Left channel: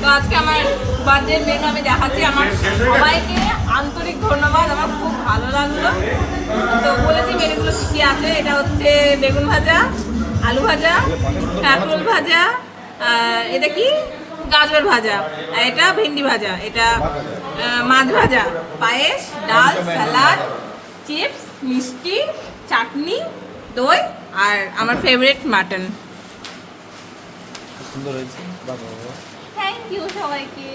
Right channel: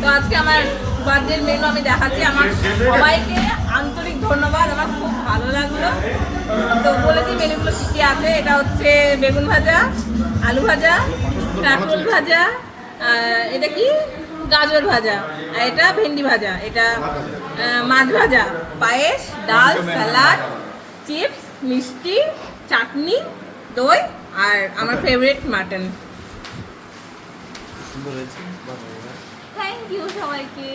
তো আজকে আমার বার্থডে মেনু আমি দেখাচ্ছি। আমার সবাইকে আন্তরিক ধন্যবাদ, আমার খুব ভালো লাগলো। তো বলেছি মেনুগুলো কী আছে। এটা হচ্ছে বেগুন ভাজা, আলু ভাজা, কাঁকরোল ভাজা, এটা কি গাজর ভাজা, আর এটা ভেন্ডি ভাজা, এটা মাছ ভাজা, পায়েস, ডাল, সালাড, চিপস, মিষ্টি, চাটনি, দই, আর আমার ফেভারিট মাটন। সুন্দর হয়েছে। থ্যাংক ইউ সবাইকে।